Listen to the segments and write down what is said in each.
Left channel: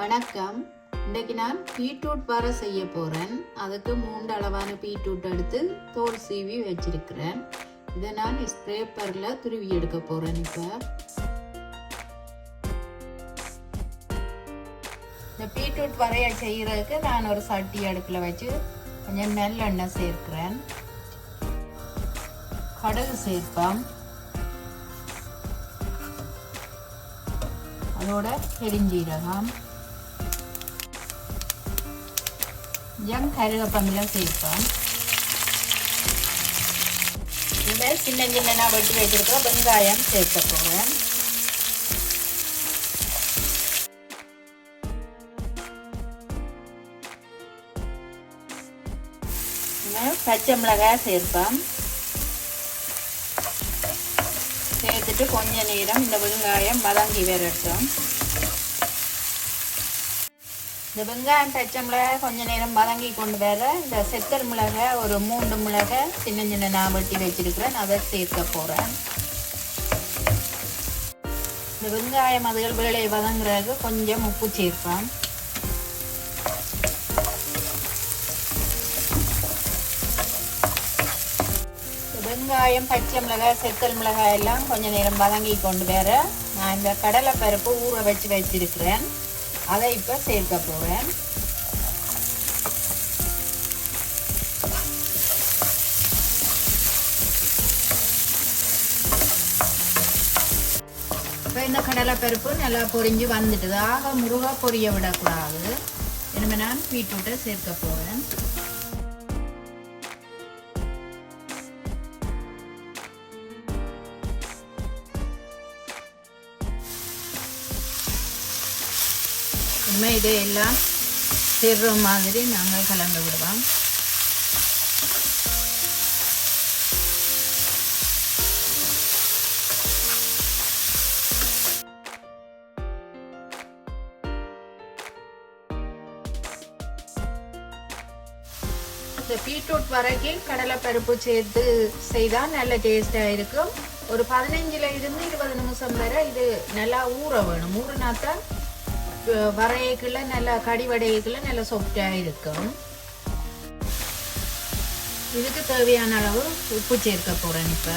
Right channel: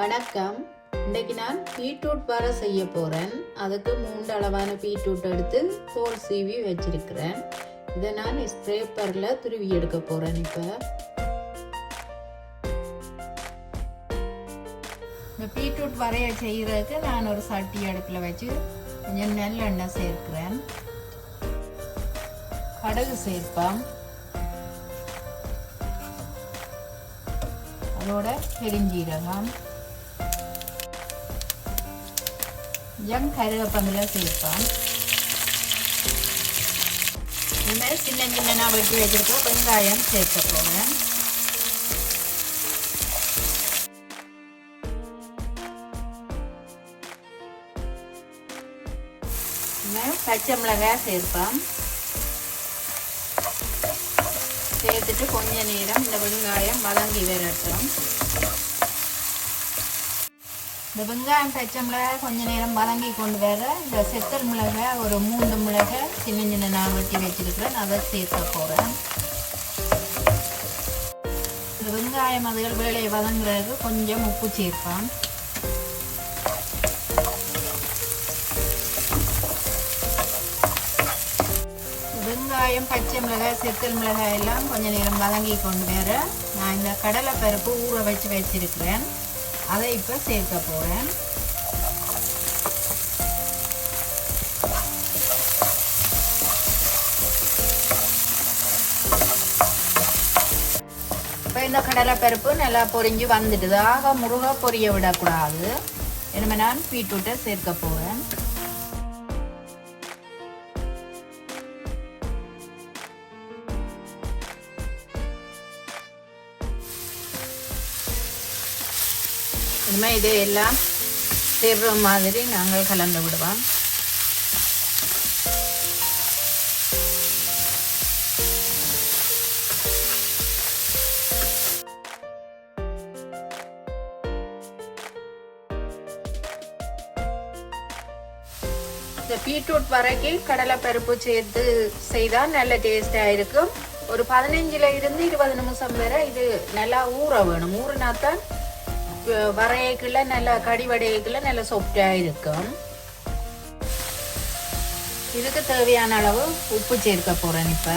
வணக்கம். இன்றைக்கு நான் பீட்ரூட் வர செய்ய போகிறேன். அதுக்கு 3 அளவான பீட்ரூட் எடுத்து தோல் சீவி வச்சிருக்கிறேன். இதை நான் ஸ்க்ரேப்பரில் துருவி எடுக்க போகிறேன். இப்போ இந்த பீட்ரூட் வரைய செய்கிறதுக்கு நான் ஒரு சட்டி அடுப்பில் வச்சு கொஞ்சம் நல்லெண்ணெய் சேர்க்கிறேன். கடுகு சேர்ப்பேன். அதோட பெருஞ்சீரகம், கருவேப்பிலை சேர்ப்பேன். இந்த சின்ன சின்ன வெட்டி வச்சிருக்க வெங்காயம் சேர்க்க போறேன். பச்சை மிளகாய் சேர்ப்பேன். சேர்த்துட்டு கொஞ்ச நேரம் இந்த வெங்காயம் வதங்கி வரட்டும். இந்த வெங்காயம் பச்சை மிளகாய் கொஞ்ச நேரம் வதங்கி கொண்டு வர இந்த செத்தல் மிளகாய் ஒரு 3 மிளகாய் சின்ன சின்ன நான் வெட்டி வச்சிருக்கிறேன். அதை சேர்க்க போகிறேன். இந்த வெங்காயம் அதுகள் வேலையை வதங்குறதுக்கு கொஞ்சம் உப்பு சேர்ப்பேன். வெங்காயம் பச்சை மிளகாய் செத்தல் மிளகாய் எல்லாம் கொஞ்ச நேரம் வதங்கி கொண்டு வர நான் இந்த கடலை பருப்பு ஊற வச்சு வச்சிருக்கிறேன். அதை இப்போ சேர்க்க போகிறேன். இப்போ இந்த கடலை பருப்பு நல்லா பொரிஞ்சு வந்துடுது. ஆக முருகை பொரிய விடக்கூடாது. இனிமேல் நான் பீட்ரூட்டை சேர்க்க போகிறேன். இனிமேல் இது எல்லாம் சேர்ற மாதிரி நாங்கள் கலந்து விடுவோம். இந்த பீட்ரூட் வரைக்கு கடலை பருப்பு சேர்த்து செய்தால் நல்ல டேஸ்டாக இருக்கும். ஒரு 15 இருந்து 20 நிமிஷம் வரை இது நல்லா ஊற வேணும். ஊறினாத்தான் வரையக்குள்ள நல்ல கடிவடையக்குள்ள நல்ல சாஃப்டாக இருக்கும். இதுக்கு தேவையான அளவு உப்பு சேர்க்க போகிறேன். இப்போ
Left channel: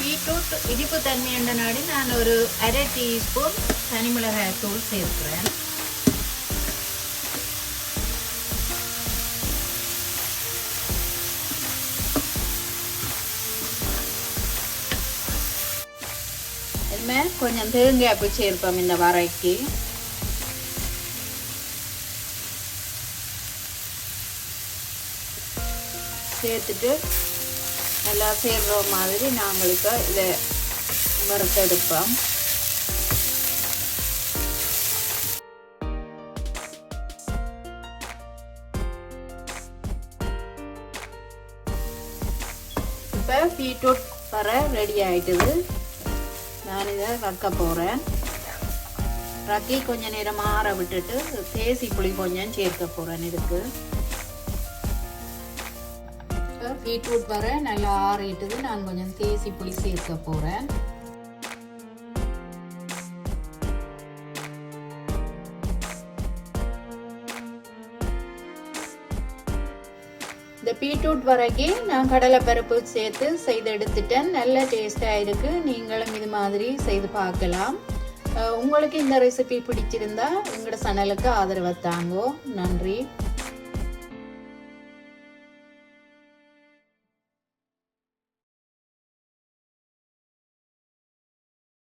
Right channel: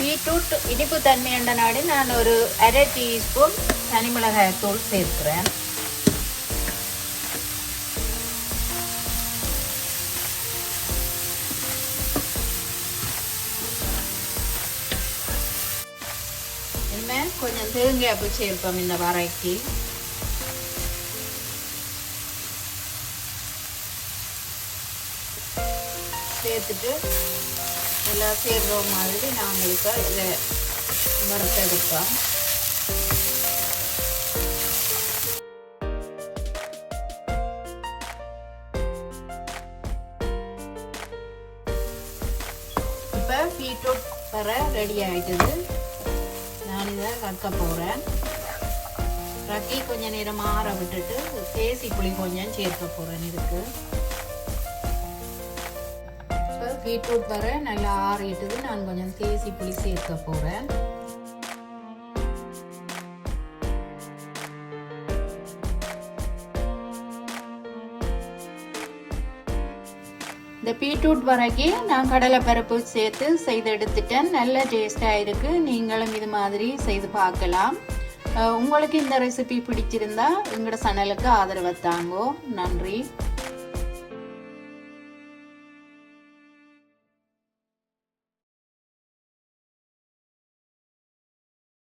பீட்ரூட் இனிப்பு தன்மை என்ற நாடு நான் ஒரு 1/2 டீஸ்பூன் தனி மிளகாய் தூள் சேர்க்கிறேன். கொஞ்சம் தேங்காய் பூ சேர்ப்போம் இந்த வரைக்கு. சேர்த்துட்டு நல்லா சேர்ற மாதிரி நாங்களுக்கு இதை வறுத்தெடுப்போம். இப்போ பீட்ரூட் வர ரெடி ஆயிட்டுது. நான் இதை வறுக்க போகிறேன். ரக்கி கொஞ்சம் நேரம் ஆற விட்டுட்டு தேசி புளி கொஞ்சம் சேர்க்க போகிறேன். இதுக்கு இப்போ பீட்ரூட் வர நல்லா ஆறிட்டுது. நான் கொஞ்சம் தேசி புளி சேர்க்க போகிறேன். இந்த பீட்ரூட் வரைக்கும் நான் கடலை பருப்பு சேர்த்து செய்து எடுத்துட்டேன். நல்ல டேஸ்டாக இருக்கு. நீங்களும் இது மாதிரி செய்து பார்க்கலாம். உங்களுக்கு இந்த ரெசிபி பிடிச்சிருந்தா எங்களோட சேனலுக்கு ஆதரவு தாங்கோ. நன்றி.